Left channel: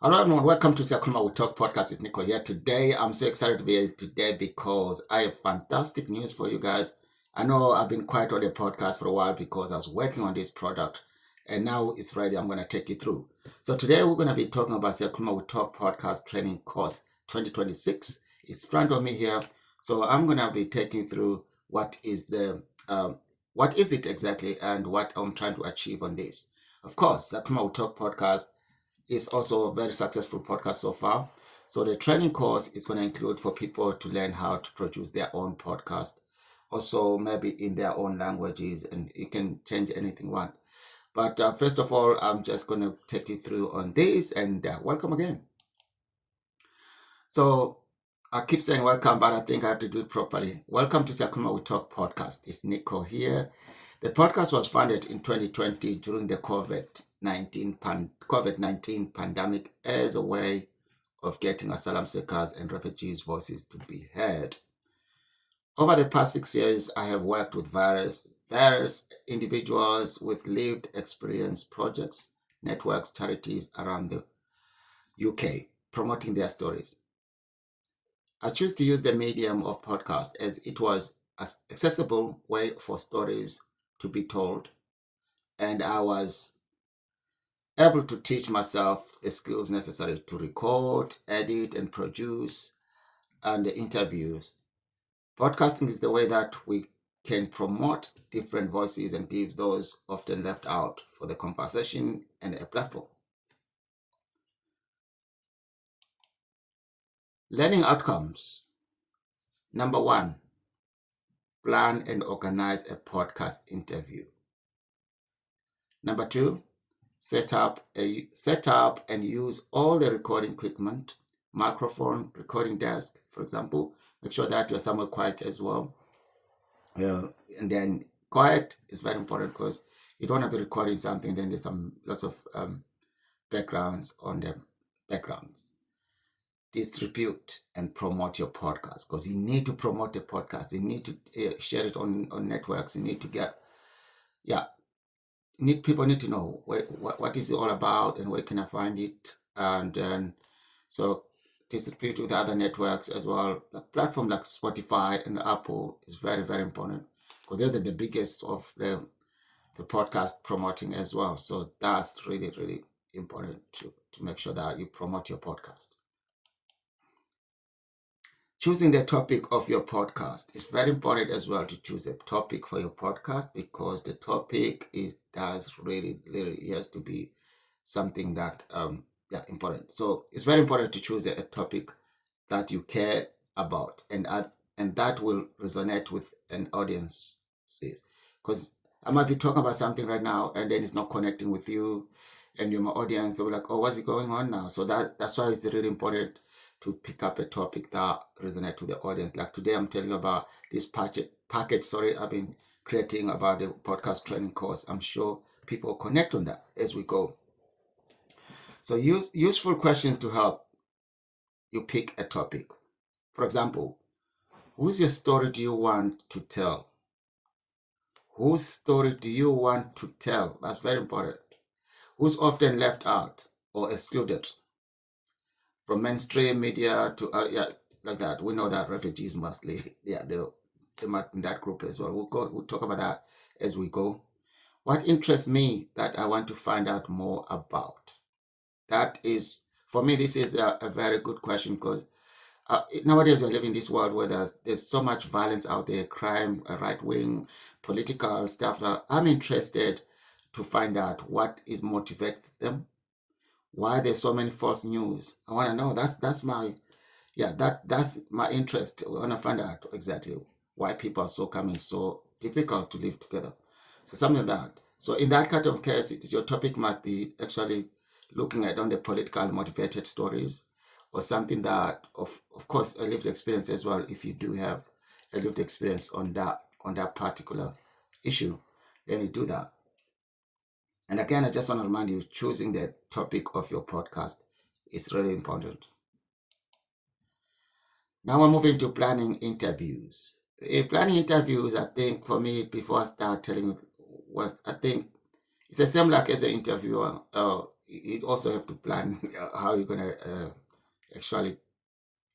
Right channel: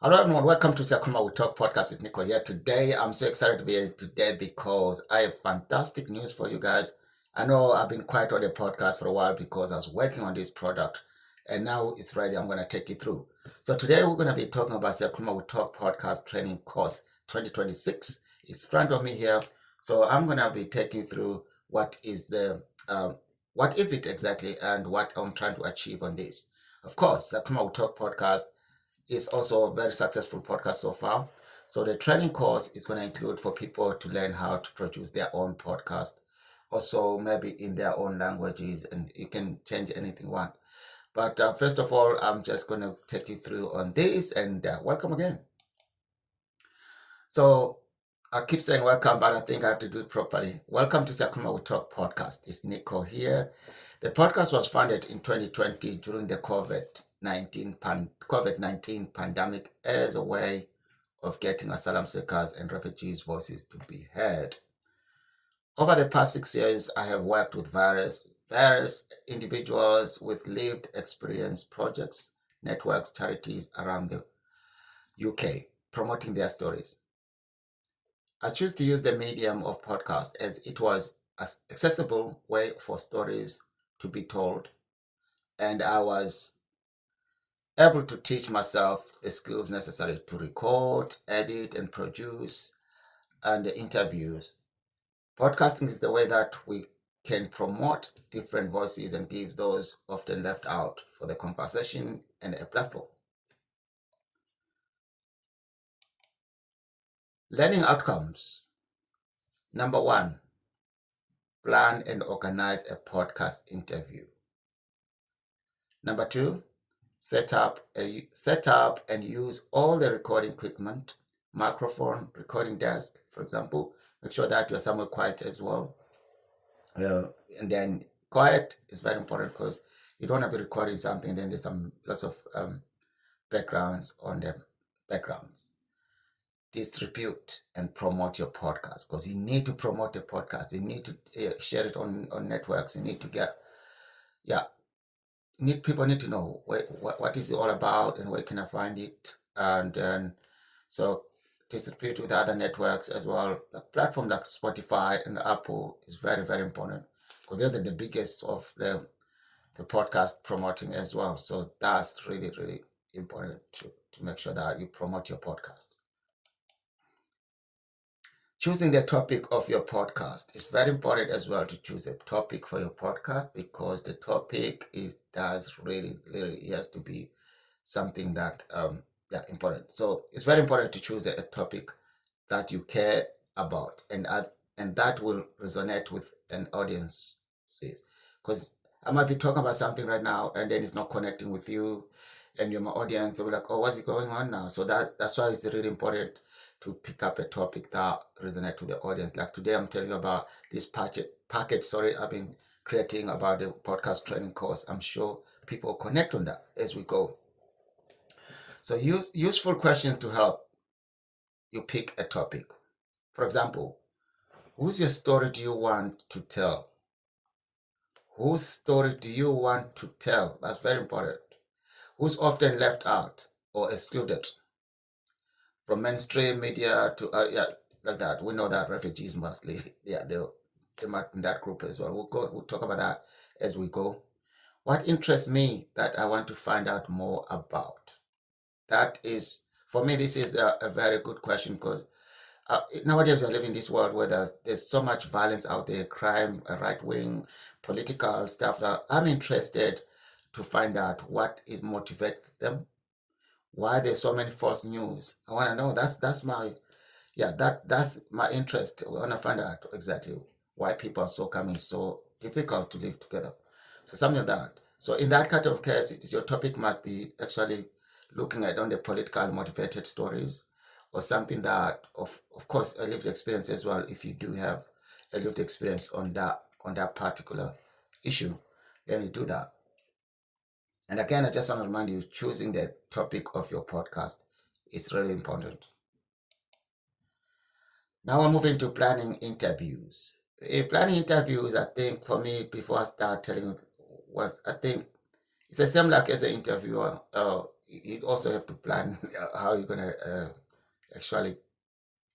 Hello everyone, welcome to Siyakhuluma We Talk podcast. It's Nico here today. I'm so excited to be here today because I have fantastic news for you guys. I know I've been quiet on the podcast for a while because I was working on this product and now it's ready. I'm going to take you through. So today we're going to be talking about Siyakhuluma We Talk podcast training course 2026. It's in front of me here. So I'm going to be taking you through what is it exactly and what I'm trying to achieve on this. Of course, Siyakhuluma We Talk podcast is also a very successful podcast so far. So the training course is going to include for people to learn how to produce their own podcast, also maybe in their own languages, and you can change anything you want. But first of all, I'm just going to take you through on this and welcome again. So I keep saying welcome, but I think I have to do it properly. Welcome to Siyakhuluma We Talk podcast. It's Nico here. The podcast was founded in 2020 during the COVID-19 pandemic as a way of getting asylum seekers and refugees' voices to be heard. Over the past 6 years, I have worked with various individuals with lived experience projects, networks, charities around the UK, promoting their stories. I choose to use the medium of podcast as it was an accessible way for stories to be told, and I was able to teach myself the skills necessary to record, edit, and produce and interviews. Podcasting is the way that we can promote different voices and give those often left out for the conversation and a platform. Learning outcomes. Number one, plan and organize a podcast interview. Number two, set up and use all the recording equipment, microphone, recording desk, for example. Make sure that you're somewhere quiet as well. And then quiet is very important because you don't want to be recording something, then there's lots of backgrounds on the backgrounds. Distribute and promote your podcast because you need to promote the podcast. You need to share it on networks. You need to people need to know what is it all about and where can I find it, and then so distribute with other networks as well. A platform like Spotify and Apple is very, very important because they're the biggest of the podcast promoting as well. So that's really, really important to make sure that you promote your podcast. Choosing the topic of your podcast is very important as well, to choose a topic for your podcast because the topic does really has to be something that important. So it's very important to choose a topic that you care about and that will resonate with an audience, because I might be talking about something right now and then it's not connecting with you and your audience. They'll be like, oh, what's going on now? So that's why it's really important to pick up a topic that resonates with the audience. Like today, I'm telling you about this package. I've been creating about the podcast training course. I'm sure people connect on that as we go. So use useful questions to help you pick a topic. For example, whose your story do you want to tell? Whose story do you want to tell? That's very important. Who's often left out or excluded from mainstream media to like that. We know that refugees mostly, they're in that group as well. We'll talk about that as we go. What interests me that I want to find out more about? That is, for me, this is a very good question because nowadays we live in this world where there's so much violence out there, crime, right wing, political stuff. That I'm interested to find out what is motivates them, why there's so many false news. I want to know. That's my that's my interest. I want to find out exactly why people are so difficult to live together. So something like that. So in that kind of case, your topic might be actually looking at on the political motivated stories or something that of course a lived experience as well. If you do have a lived experience on that particular issue, then you do that. And again, I just want to remind you, choosing the topic of your podcast is really important. Now we're moving to planning interviews. Planning interviews, I think for me, before I start telling you, I think it's the same like as an interviewer. you also have to plan how you're gonna actually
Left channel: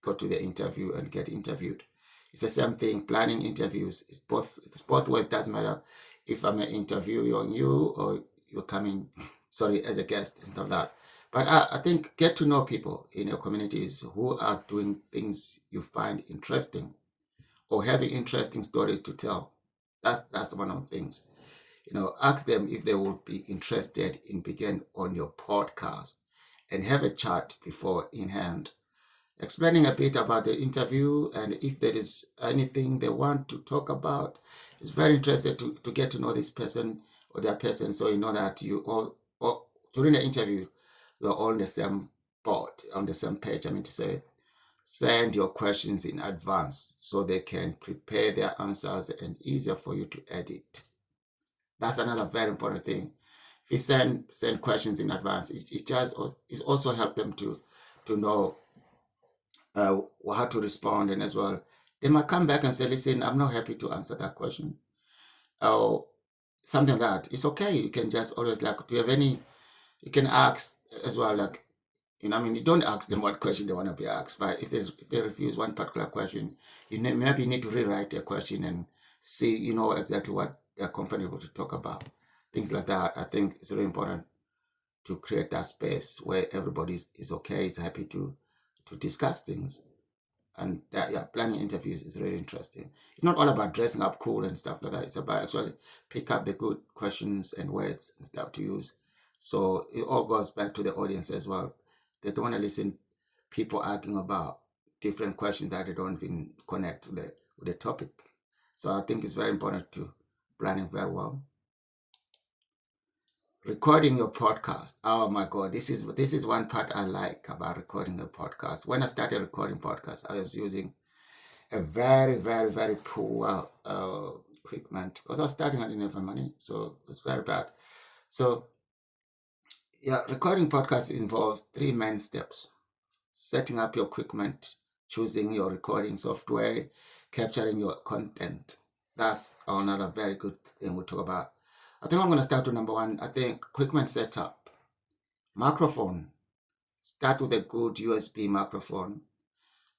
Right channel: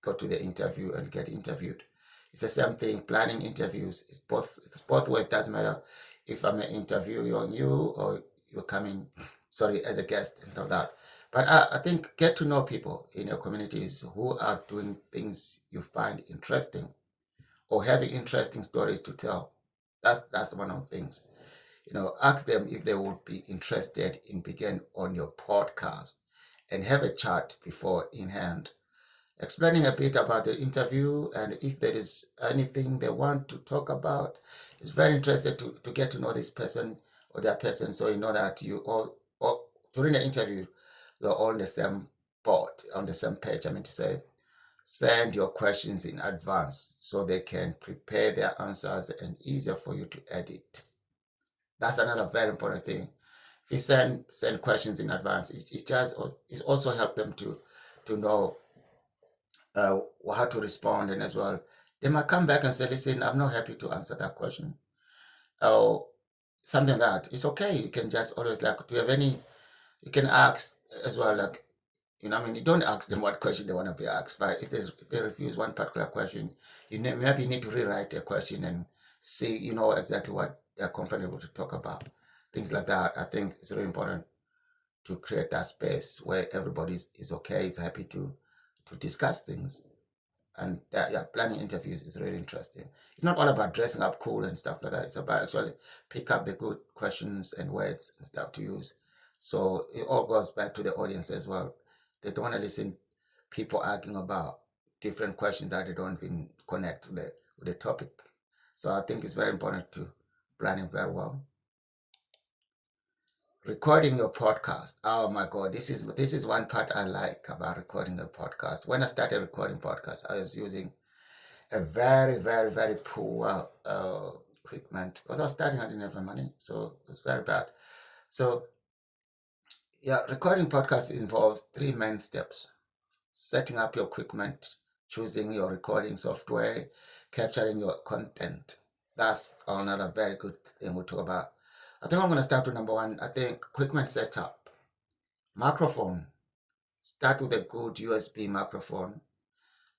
go to the interview and get interviewed. It's the same thing. Planning interviews is both. It's both ways. Doesn't matter if I'm interviewing you or you're coming, sorry, as a guest and stuff like that. But I think get to know people in your communities who are doing things you find interesting or having interesting stories to tell. That's one of the things. Ask them if they would be interested in being on your podcast and have a chat before in hand, explaining a bit about the interview and if there is anything they want to talk about. It's very interesting to get to know this person or that person, so you know that you all during the interview, you're all on the same board, on the same page. I mean to say, send your questions in advance so they can prepare their answers and easier for you to edit. That's another very important thing. If you send questions in advance, it also help them to know how to respond, and as well, they might come back and say, "Listen, I'm not happy to answer that question," or something like that. It's okay. You can just always like, do you have any? You can ask as well, like, I mean, you don't ask them what question they want to be asked, but if they refuse one particular question, maybe you need to rewrite their question and see, exactly what they're comfortable to talk about. Things like that. I think it's really important to create that space where everybody is okay, is happy to discuss things. And planning interviews is really interesting. It's not all about dressing up cool and stuff like that. It's about actually pick up the good questions and words and stuff to use. So it all goes back to the audience as well. They don't want to listen people arguing about different questions that they don't even connect with the topic. So I think it's very important to planning very well. Recording your podcast. Oh my God, this is one part I like about recording a podcast. When I started recording podcasts, I was using a very, very, very poor equipment because I was starting. I didn't have money, so it was very bad. So yeah, recording podcasts involves 3 main steps: setting up your equipment, choosing your recording software, capturing your content. That's another very good thing we'll talk about. I think I'm going to start with number 1. I think equipment setup. Microphone. Start with a good USB microphone,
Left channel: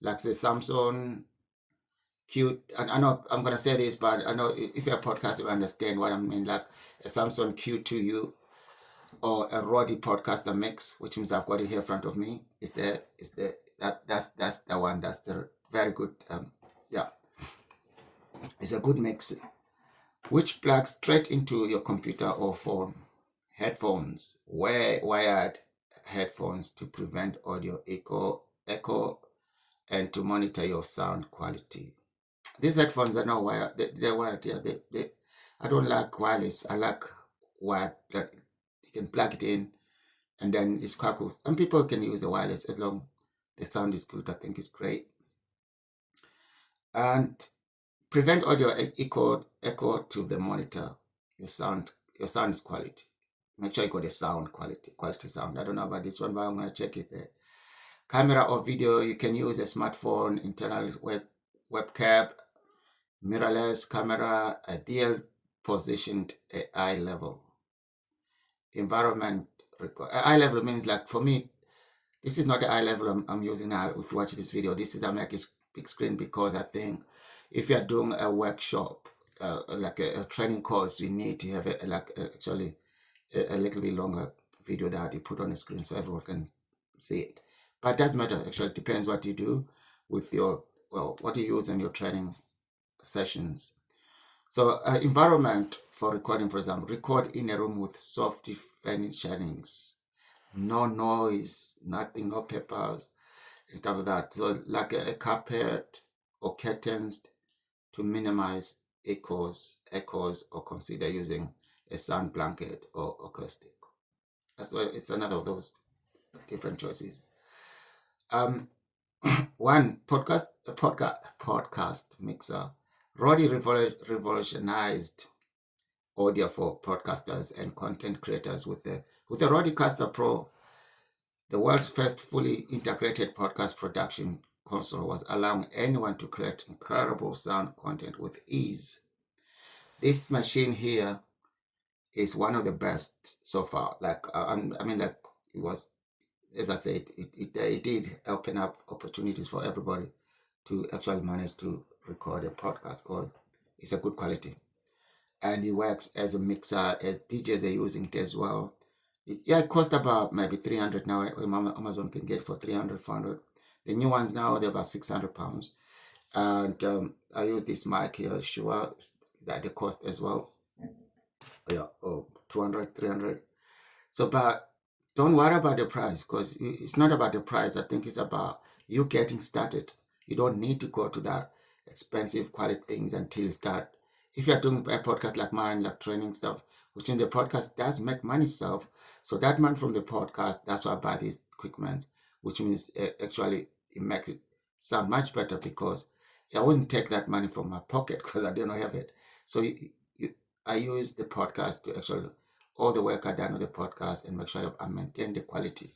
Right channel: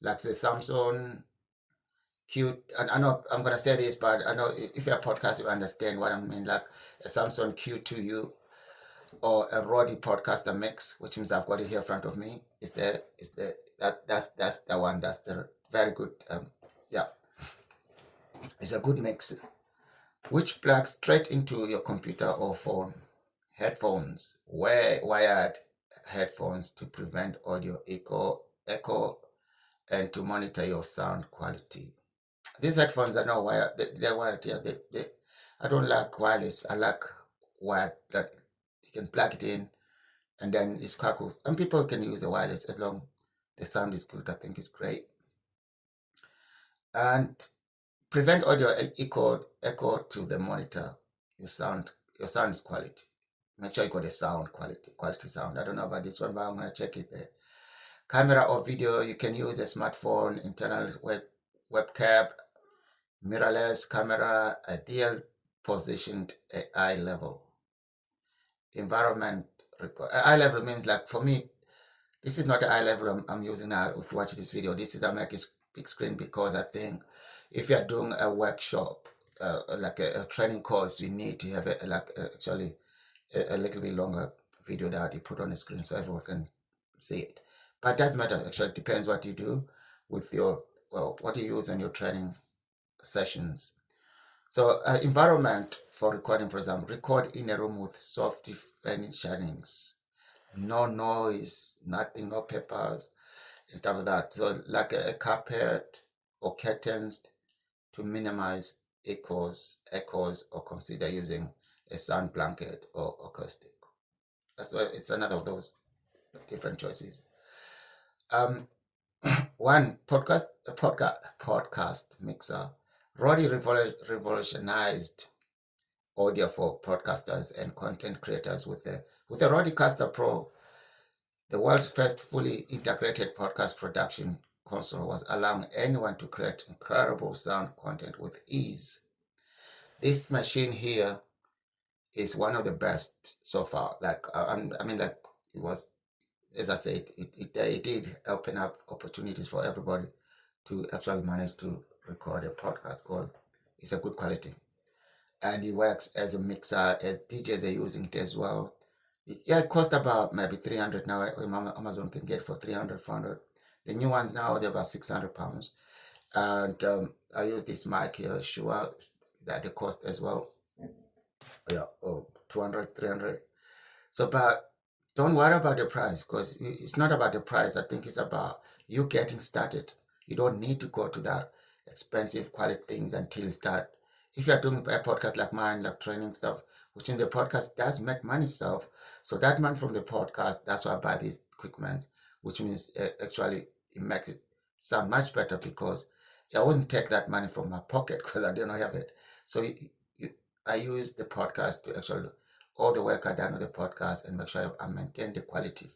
like the Samsung Q. I know I'm going to say this, but I know if you're a podcast, you understand what I mean. Like a Samsung Q2U or a Rode Podcaster Mix, which means I've got it here in front of me. That's the one. That's the very good. Yeah, it's a good mix, which plugs straight into your computer or phone. Headphones, wired headphones to prevent audio echo, and to monitor your sound quality. These headphones are not wired. They're wired. Yeah, I don't like wireless. I like wired. That you can plug it in, and then it's quite cool. Some people can use the wireless as long the sound is good. I think it's great. And prevent audio echo to the monitor. Your sound is quality. Make sure you got the sound quality sound. I don't know about this one, but I'm gonna check it there. Camera or video, you can use a smartphone, internal webcam, mirrorless camera, ideal positioned at eye level. Environment, eye level means, like, for me, this is not the eye level I'm using now. If you watch this video, this is a big screen, because I think if you're doing a workshop, like a training course, you need to have actually a little bit longer video that you put on the screen so everyone can see it. But it doesn't matter. Actually, it depends what you do with what you use in your training sessions. So environment for recording, for example, record in a room with soft furnishings, no noise, nothing, no papers, and stuff like that. So like a carpet or curtains to minimize echoes, or consider using a sound blanket or acoustic. That's why it's another of those different choices. One podcast mixer. Roddy revolutionized audio for podcasters and content creators with the Rodecaster Pro. The world's first fully integrated podcast production console was allowing anyone to create incredible sound content with ease. This machine here is one of the best so far. Like, I mean, like, it was, as I said, it did open up opportunities for everybody to actually manage to record a podcast because it's a good quality. And it works as a mixer, as DJs they're using it as well. Yeah, it costs about maybe 300 now. Amazon can get for 300, 400. The new ones now, they're about £600. And I use this mic here, Shure, that the cost as well. Yeah, 200, 300. So, but don't worry about the price because it's not about the price. I think it's about you getting started. You don't need to go to that expensive quality things until you start. If you're doing a podcast like mine, like training stuff, which in the podcast does make money stuff. So that money from the podcast, that's why I buy these equipment, which means actually it makes it sound much better because I wouldn't take that money from my pocket because I don't have it. So I use the podcast to actually all the work I done with the podcast and make sure I maintain the quality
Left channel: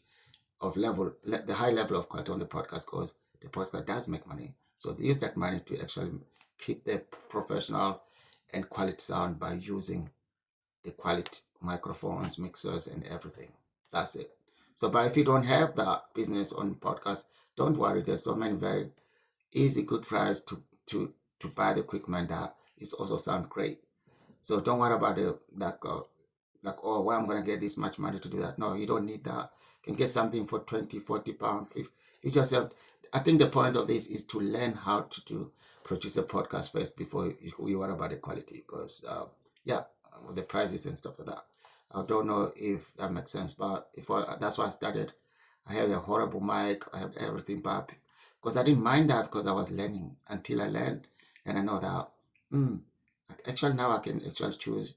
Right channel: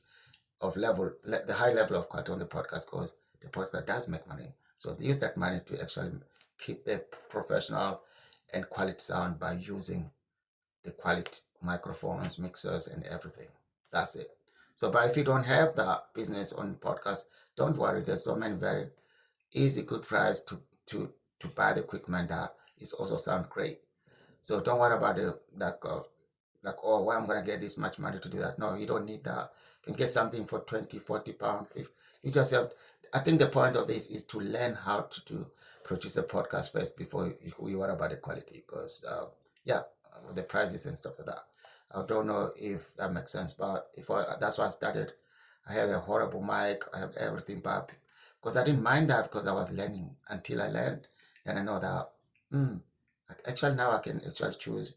of the high level of quality on the podcast because the podcast does make money. So they use that money to actually keep the professional and quality sound by using the quality microphones, mixers, and everything. That's it. So, but if you don't have that business on podcast, don't worry. There's so many very easy, good price to buy the equipment that is also sound great. So don't worry about the like, oh, where I'm gonna get this much money to do that. No, you don't need that. You can get something for 20, 40 pounds, 50. You just have, I think the point of this is to learn how to produce a podcast first before you worry about the quality. Because yeah, the prices and stuff like that. I don't know if that makes sense, but that's why I started. I had a horrible mic. I have everything, but because I didn't mind that because I was learning until I learned, and I know that. Actually, now I can actually choose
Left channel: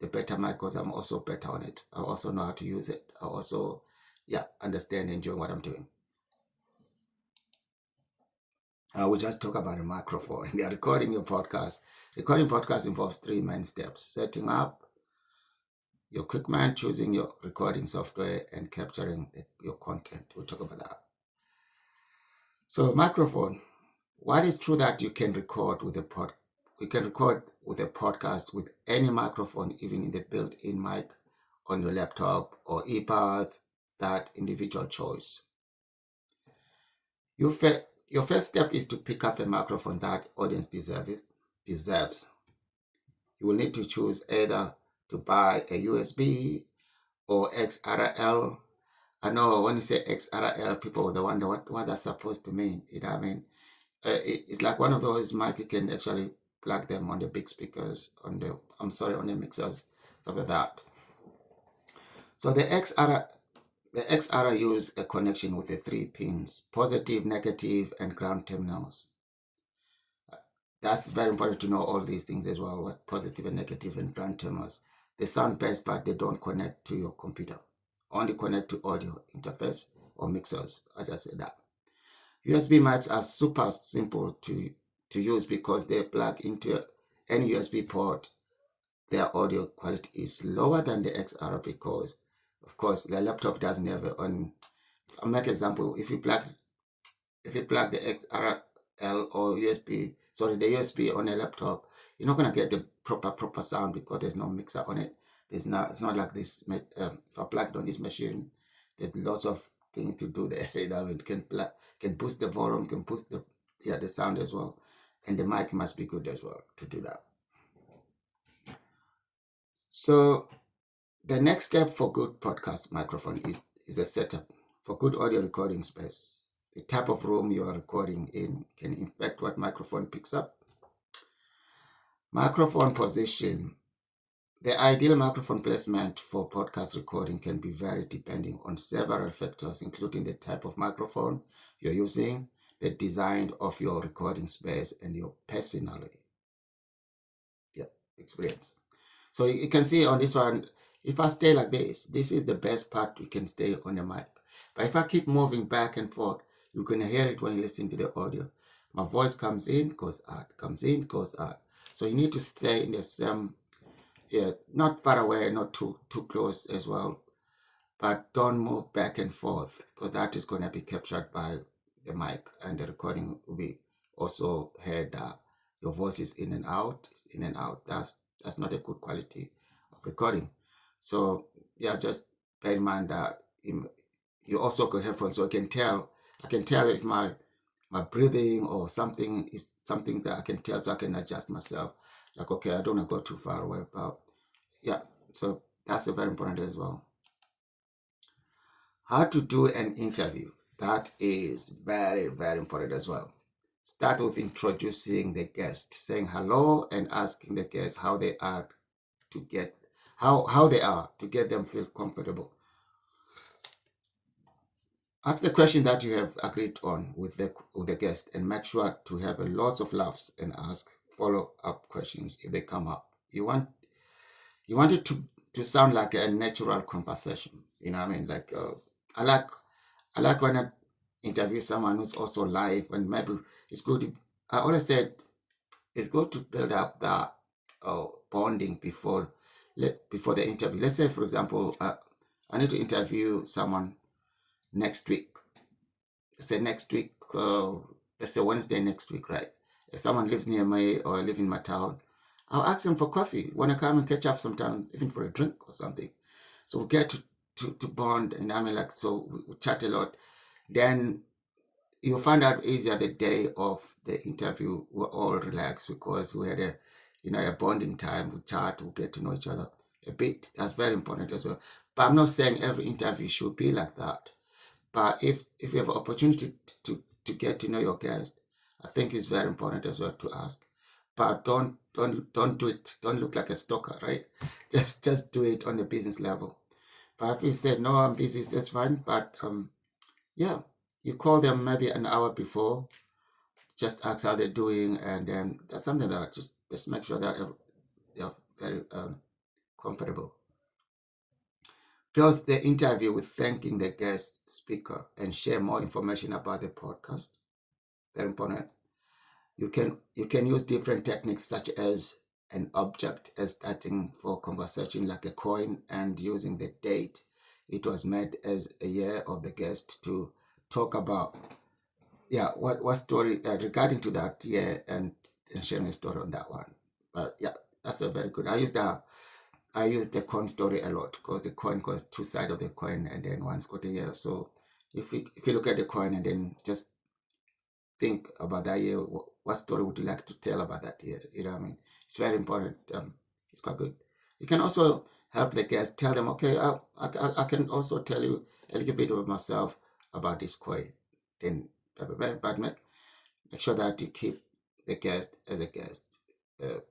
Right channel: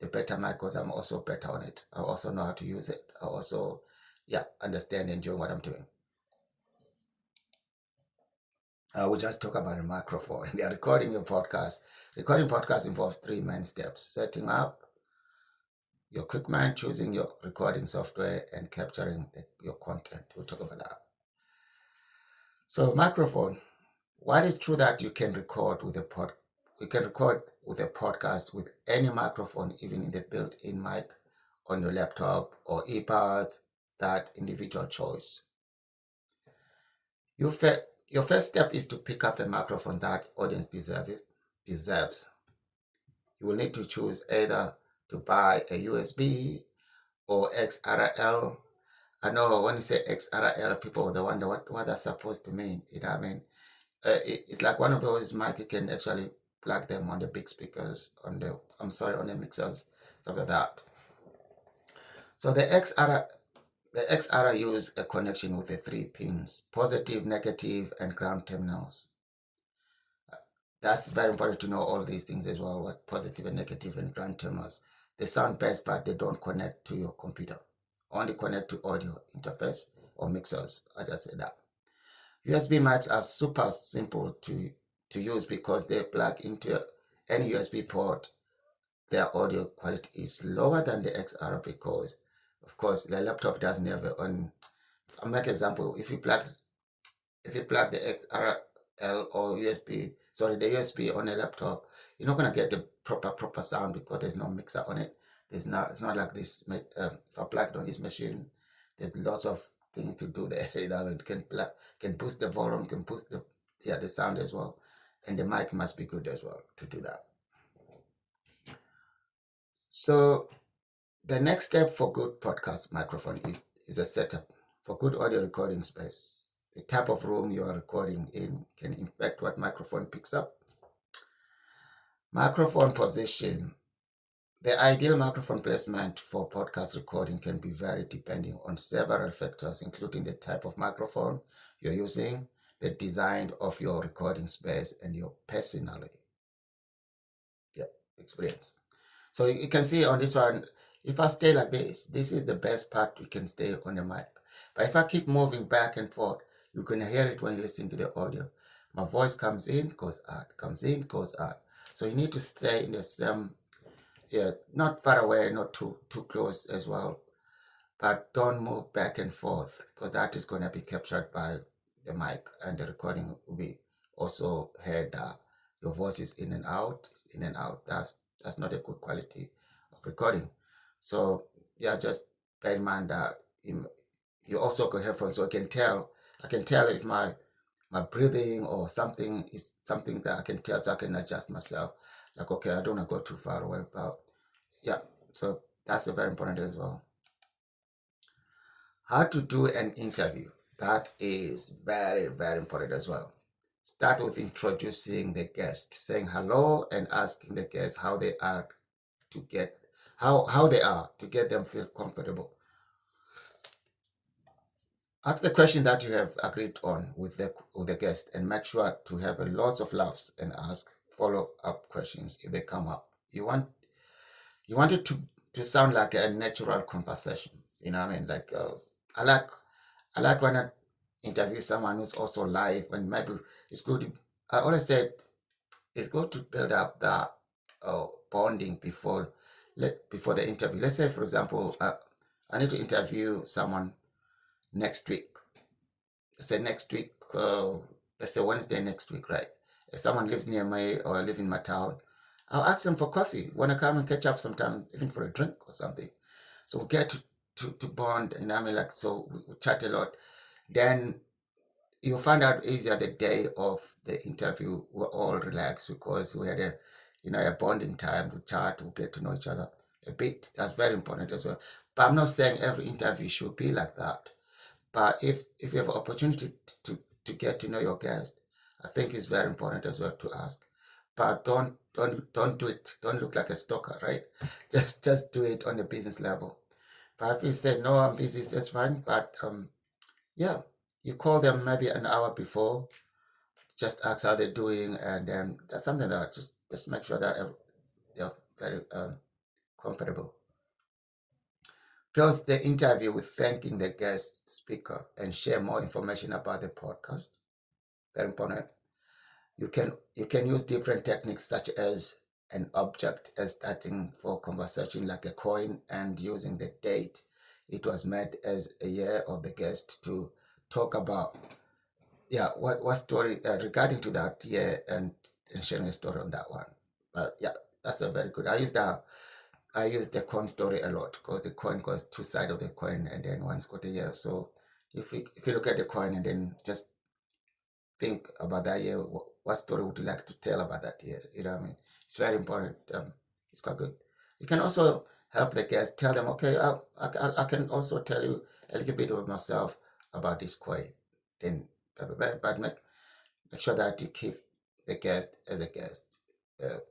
the better mic because I'm also better on it. I also know how to use it. I also, yeah, understand and enjoy what I'm doing. I will just talk about a microphone. They are recording your podcast. Recording podcast involves 3 main steps: setting up your equipment, choosing your recording software, and capturing your content. We'll talk about that. So, microphone. While it's true that you can record with a podcast with any microphone, even in the built-in mic on your laptop or earbuds, that individual choice. Your first step is to pick up a microphone that audience deserves. You will need to choose either to buy a USB or XRL. I know when you say XRL, people will wonder what that's supposed to mean. You know what I mean? It's like one of those mic you can actually plug them on the big speakers on the mixers, stuff like that. So the XR use a connection with the 3 pins: positive, negative, and ground terminals. That's very important to know all these things as well, what positive and negative and ground terminals. They sound best, but they don't connect to your computer. Only connect to audio interface or mixers, as I said that. USB mics are super simple to use because they plug into any USB port. Their audio quality is lower than the XR because, of course, the laptop doesn't have it on. I'll make an example. If you plug the XRL or the USB on a laptop, you're not gonna get the proper sound because there's no mixer on it. It's not like this. If I plug it on this machine, there's lots of things to do there. It can boost the volume, can boost the sound as well, and the mic must be good as well to do that. So the next step for good podcast microphone is a setup for good audio recording space. The type of room you are recording in can affect what microphone picks up. Microphone position. The ideal microphone placement for podcast recording can be varied depending on several factors, including the type of microphone you're using, the design of your recording space, and your personality. Experience. So you can see on this one, if I stay like this is the best part we can stay on the mic. But if I keep moving back and forth, you're going to hear it when you listen to the audio. My voice comes in, goes out, comes in, goes out. So you need to stay in the same, not far away, not too close as well. But don't move back and forth because that is going to be captured by the mic and the recording will be also heard. Your voice is in and out, in and out. That's not a good quality of recording. So yeah, just bear in mind that you also could headphones, so I can tell if my breathing or something is something that I can tell, so I can adjust myself. Like, okay, I don't want to go too far away, but yeah, so that's a very important as well. How to do an interview. That is very, very important as well. Start with introducing the guest, saying hello and asking the guest how they are to get how they are to get them feel comfortable. Ask the question that you have agreed on with the guest and make sure to have a lots of laughs and ask follow-up questions if they come up. You want it to sound like a natural conversation. You know what I mean? Like I like when I interview someone who's also live, and maybe it's good. I always said it's good to build up the bonding before the interview. Let's say, for example, I need to interview someone next week. Say next week, let's say Wednesday next week, right? If someone lives near me or live in my town, I'll ask them for coffee. Want to come and catch up sometime, even for a drink or something. So we get to bond, and I mean, like, so we chat a lot. Then you find out easier the day of the interview. We're all relaxed because we had a bonding time. We chat, we get to know each other a bit. That's very important as well. But I'm not saying every interview should be like that. But if you have an opportunity to get to know your guest, I think it's very important as well to ask. But don't do it. Don't look like a stalker, right? Just do it on the business level. But if you say no, I'm busy, that's fine. But yeah, you call them maybe an hour before, just ask how they're doing, and then that's something that just make sure that they're very comfortable. Close the interview with thanking the guest speaker and share more information about the podcast. Very important. You can use different techniques such as an object as starting for conversation like a coin and using the date it was made as a year of the guest to talk about what story regarding to that year and sharing a story on that one. But yeah, that's a very good. I use the coin story a lot because the coin goes two sides of the coin and then one's got a year. So if you look at the coin and then just think about that year, what story would you like to tell about that year? You know what I mean? It's very important. It's quite good. You can also help the guests, tell them, okay, I can also tell you a little bit of myself about this coin. Then, but make sure that you keep the guest as a guest.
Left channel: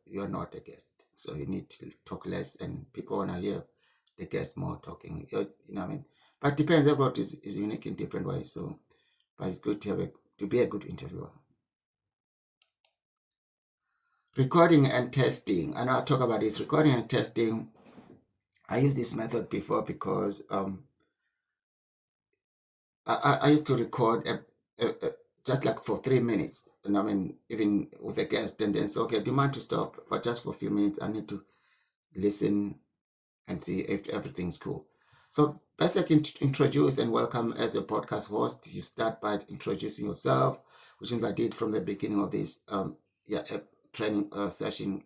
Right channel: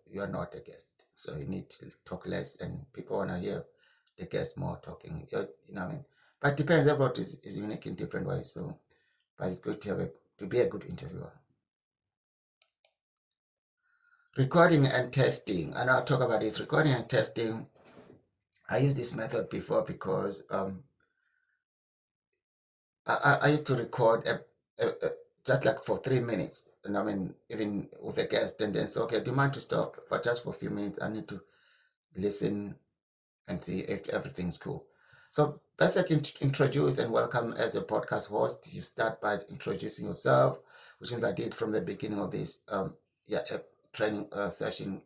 You are not a guest. So you need to talk less, and people want to hear the guest more talking. You know what I mean? But it depends. Everybody is unique in different ways. So, but it's good to be a good interviewer. Recording and testing. And I'll talk about this. Recording and testing. I used this method before because I used to record just like for 3 minutes. And I mean, even with a guest, and then say, okay, do you mind to stop for just for a few minutes? I need to listen and see if everything's cool. So basically introduce and welcome as a podcast host. You start by introducing yourself, which means I did from the beginning of this training session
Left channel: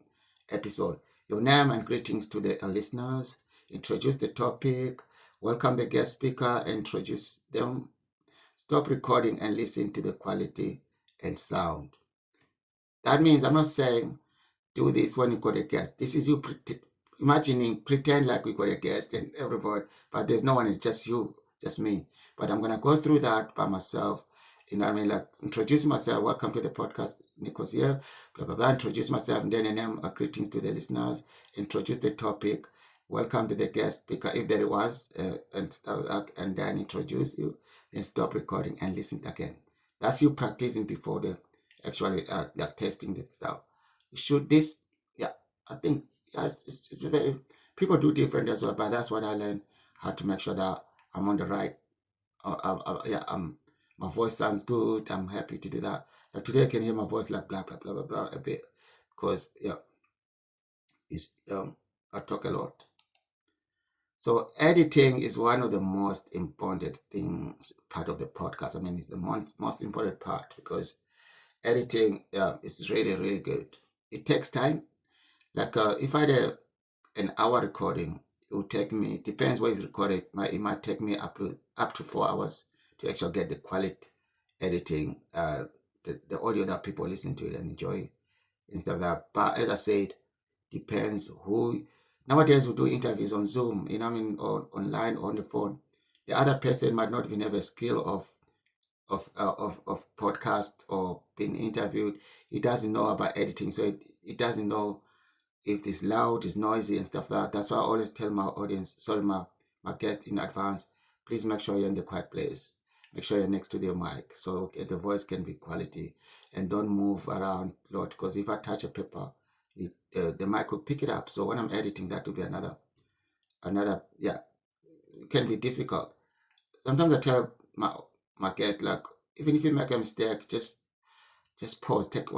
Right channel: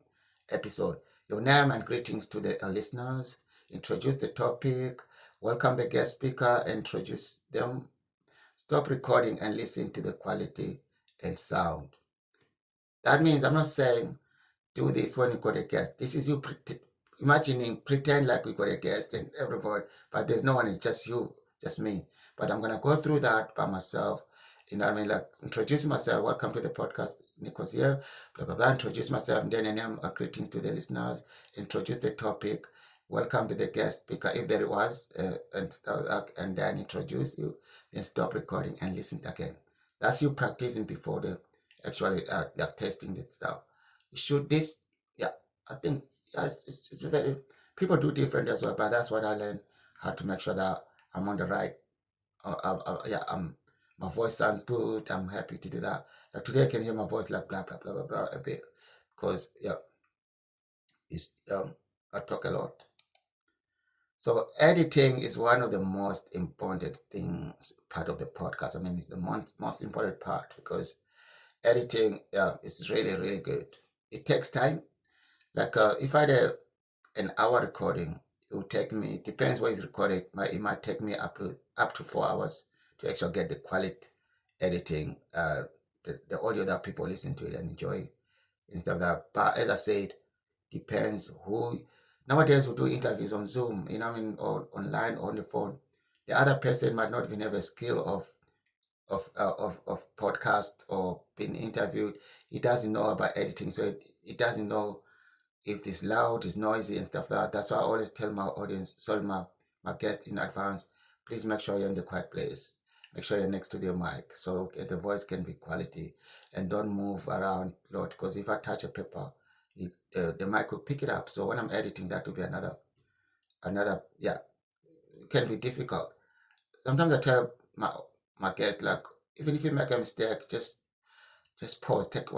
episode. Your name and greetings to the listeners. Introduce the topic. Welcome the guest speaker. Introduce them. Stop recording and listen to the quality and sound. That means I'm not saying do this when you got a guest. This is you imagining, pretend like we got a guest and everybody, but there's no one, it's just you, just me. But I'm gonna go through that by myself. You know what I mean? Like introducing myself, welcome to the podcast, Nico's here, blah blah blah, introduce myself, and then greetings to the listeners, introduce the topic, welcome to the guest speaker if there was, and then introduce you, then stop recording and listen again. That's you practicing before the actually testing the stuff. You should this, yeah, I think it's very, people do different as well, but that's what I learned, how to make sure that I'm on the right. My voice sounds good. I'm happy to do that. Like today, I can hear my voice like blah blah blah blah blah a bit because it's I talk a lot. So editing is one of the most important things, part of the podcast. I mean, it's the most important part because editing is really really good. It takes time. Like if I had an hour recording, it will take me, it depends where it's recorded. It might take me up to 4 hours to actually get the quality editing, the audio that people listen to it and enjoy instead of that. But as I said, depends who. Nowadays we do interviews on Zoom, you know what I mean, or online or on the phone. The other person might not even have a skill of podcast or being interviewed. He doesn't know about editing, so he doesn't know if it's loud, it's noisy and stuff like that. That's why I always tell my audience, sorry, my guest in advance, please make sure you're in the quiet place. Make sure you're next to the mic so the voice can be quality, and don't move around a lot, because if I touch a paper, the mic will pick it up. So when I'm editing, that will be another, yeah, it can be difficult. Sometimes I tell my guests, like, even if you make a mistake, just pause, take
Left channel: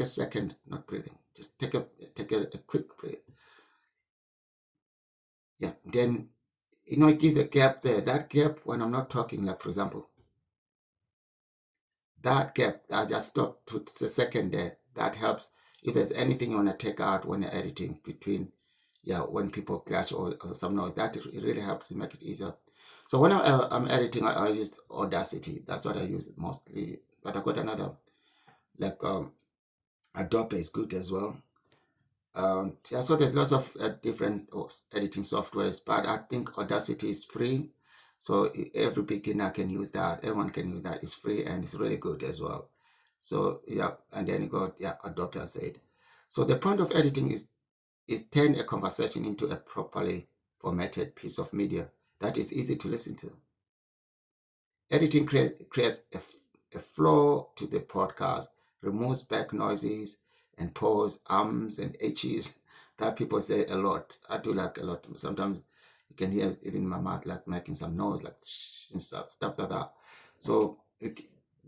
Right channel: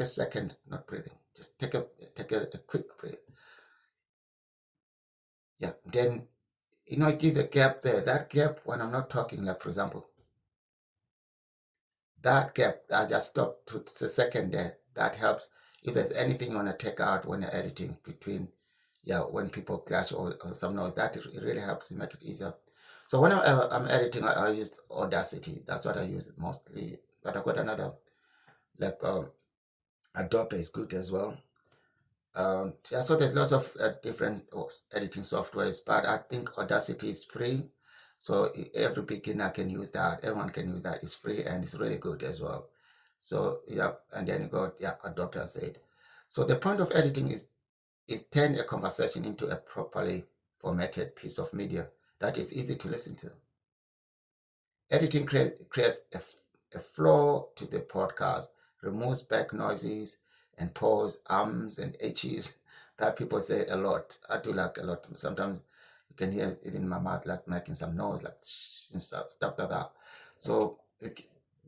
a second, not breathing. Just take a quick breath. Yeah. Then give a gap there. That gap when I'm not talking, like for example, that gap, I just stop to a second there. That helps. If there's anything you want to take out when you're editing between, when people clash or some noise, that it really helps to make it easier. So when I'm editing, I use Audacity. That's what I use mostly. But I got another, like Adobe is good as well. So there's lots of different editing softwares, but I think Audacity is free. So every beginner can use that. Everyone can use that. It's free and it's really good as well. So and then you got Adobe, I said. So the point of editing is turn a conversation into a properly formatted piece of media that is easy to listen to. Editing creates a flow to the podcast, removes back noises and pause, ums and h's that people say a lot. I do like a lot. Sometimes you can hear even my mouth like making some noise, like stuff like that. So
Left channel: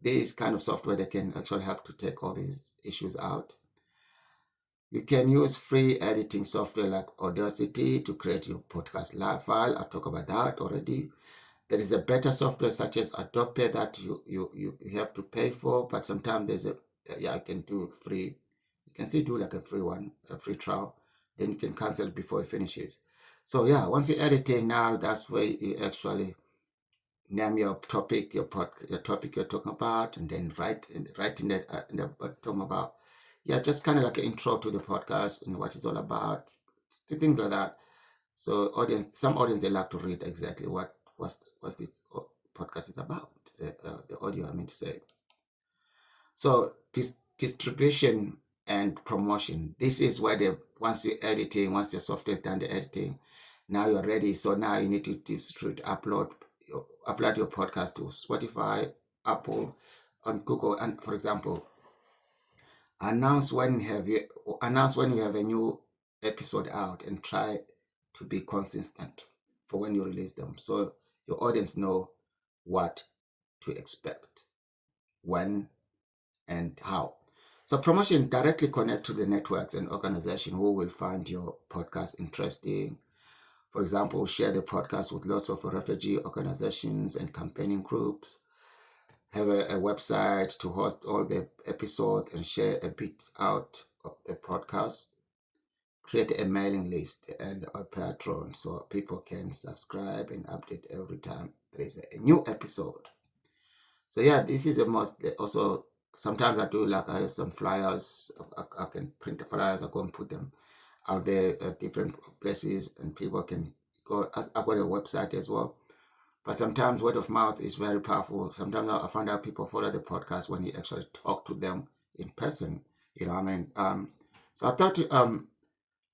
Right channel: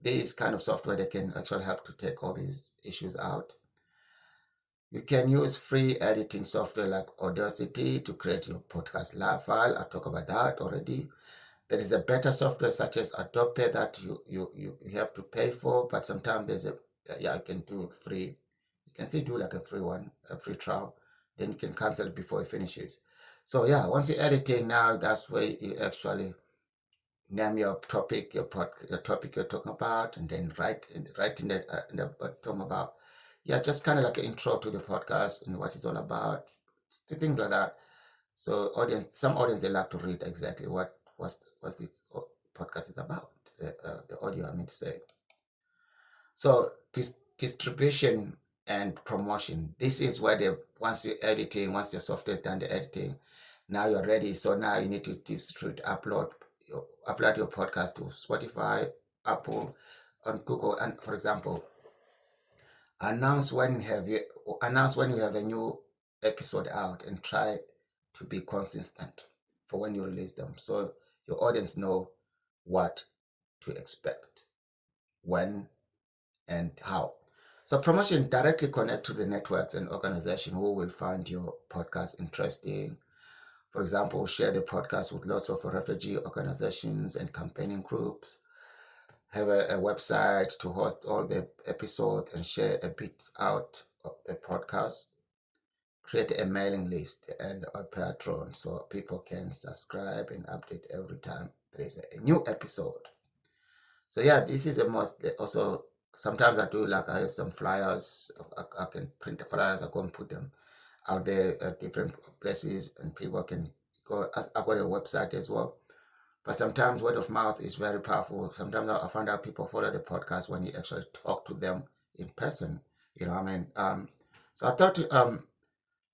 this kind of software that can actually help to take all these issues out. You can use free editing software like Audacity to create your podcast live file. I talked about that already. There is a better software such as Adobe that you have to pay for, but sometimes there's you can do free. You can still do like a free one, a free trial. Then you can cancel it before it finishes. So once you're editing now, that's where you actually name your topic, your topic you're talking about, and then write in the bottom about, just kind of like an intro to the podcast and what it's all about, things like that. So some audience, they like to read exactly what's this podcast is about, the audio, I mean to say. So distribution and promotion. This is where once you're editing, once your software is done the editing, now you're ready. So now you need to distribute, upload your podcast to Spotify, Apple, on Google, and for example, announce when you have a new episode out, and try to be consistent for when you release them, so your audience know what to expect, when and how. So promotion directly connect to the networks and organizations who will find your podcast interesting. For example, share the podcast with lots of refugee organizations and campaigning groups. Have a website to host all the episodes and share a bit out of the podcast. Create a mailing list and a Patreon so people can subscribe and update every time there is a new episode. So this is a must. Also, sometimes I do, like I have some flyers. I can print the flyers. I go and put them out there at different places, and people can go. I've got a website as well. But sometimes word of mouth is very powerful. Sometimes I find out people follow the podcast when you actually talk to them in person. You know what I mean? So I thought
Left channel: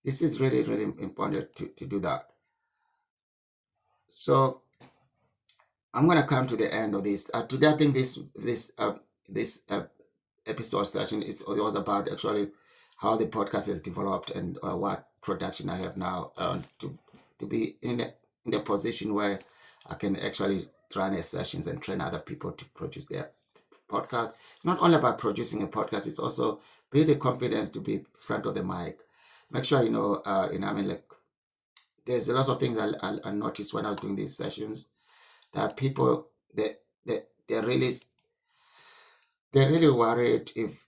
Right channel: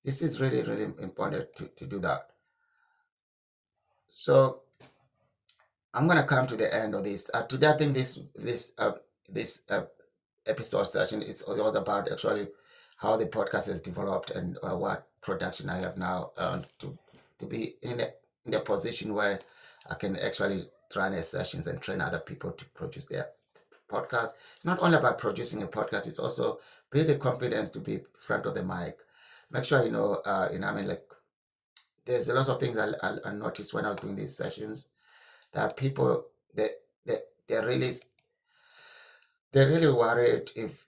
this is really, really important to do that. So I'm gonna come to the end of this. Today, I think this episode session was about actually how the podcast has developed and what production I have now to be in the position where I can actually run the sessions and train other people to produce their podcast. It's not only about producing a podcast; it's also build the confidence to be front of the mic. Make sure I mean, like, there's a lot of things I noticed when I was doing these sessions, that people they're really worried if,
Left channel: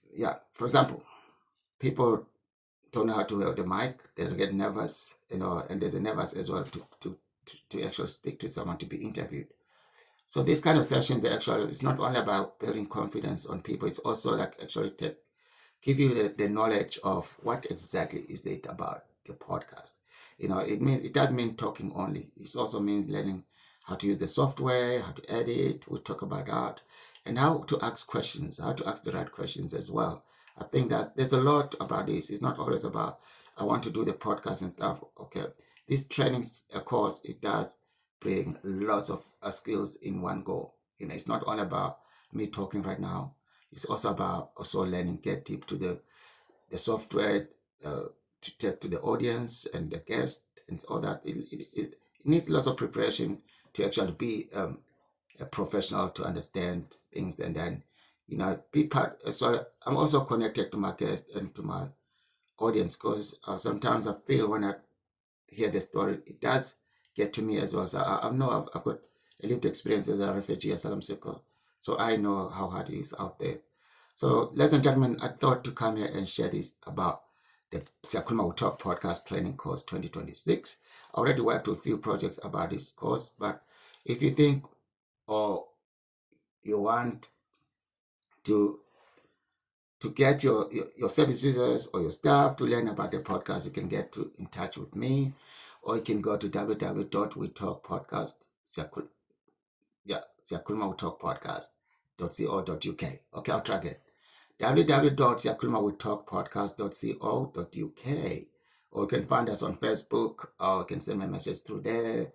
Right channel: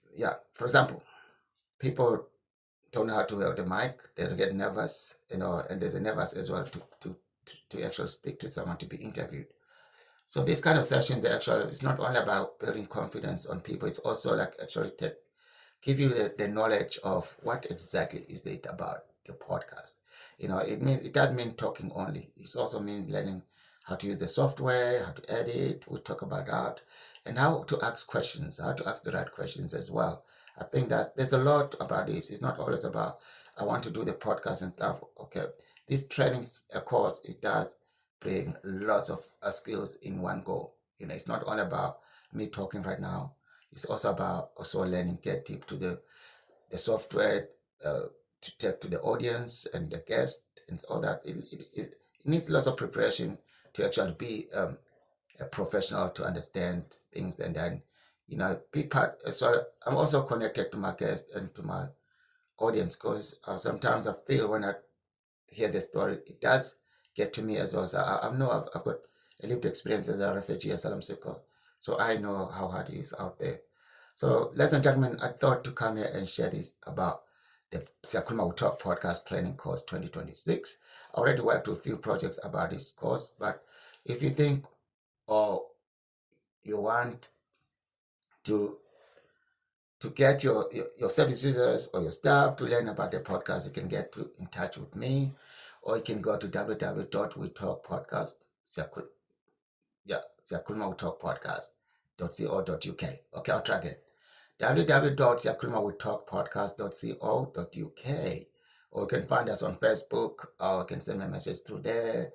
for example, people don't know how to hold the mic. They'll get nervous, and there's a nervous as well to actually speak to someone, to be interviewed. So this kind of session, it's not only about building confidence on people. It's also like actually give you the knowledge of what exactly is it about the podcast. It doesn't mean talking only. It also means learning how to use the software, how to edit. We'll talk about that, and how to ask questions, how to ask the right questions as well. I think that there's a lot about this. It's not always about I want to do the podcast and stuff. Okay, this training course, it does bring lots of skills in one go. It's not all about me talking right now. It's also about also learning, get deep to the software, to take to the audience and the guest and all that. It needs lots of preparation to actually be a professional, to understand things, and then be part as well. I'm also connected to my guest and to my audience, because sometimes I feel when I hear the story, it does get to me as well. So I know I've got a lived experience as a refugee, asylum seeker, so I know how hard it is out there. So, ladies and gentlemen, I thought to come here and share this about the Siyakhuluma We Talk podcast training course 2026. I already worked with a few projects about this course, but if you think or you want to get your service users or your staff to learn about the podcast, you can get in touch with me, or you can go to www.wetalkpodcast, Siyakhuluma We Talk podcast.co.uk. Okay, I'll try again. www.siyakhulumawithtalkpodcast.co.uk, or you can find us on Facebook, or you can send me a message through there.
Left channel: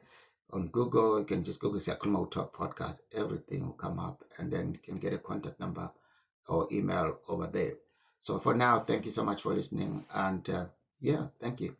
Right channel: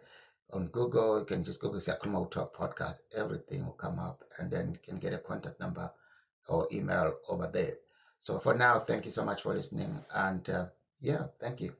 On Google, you can just Google Siyakhuluma We Talk podcast. Everything will come up, and then you can get a contact number or email over there. So for now, thank you so much for listening, and thank you.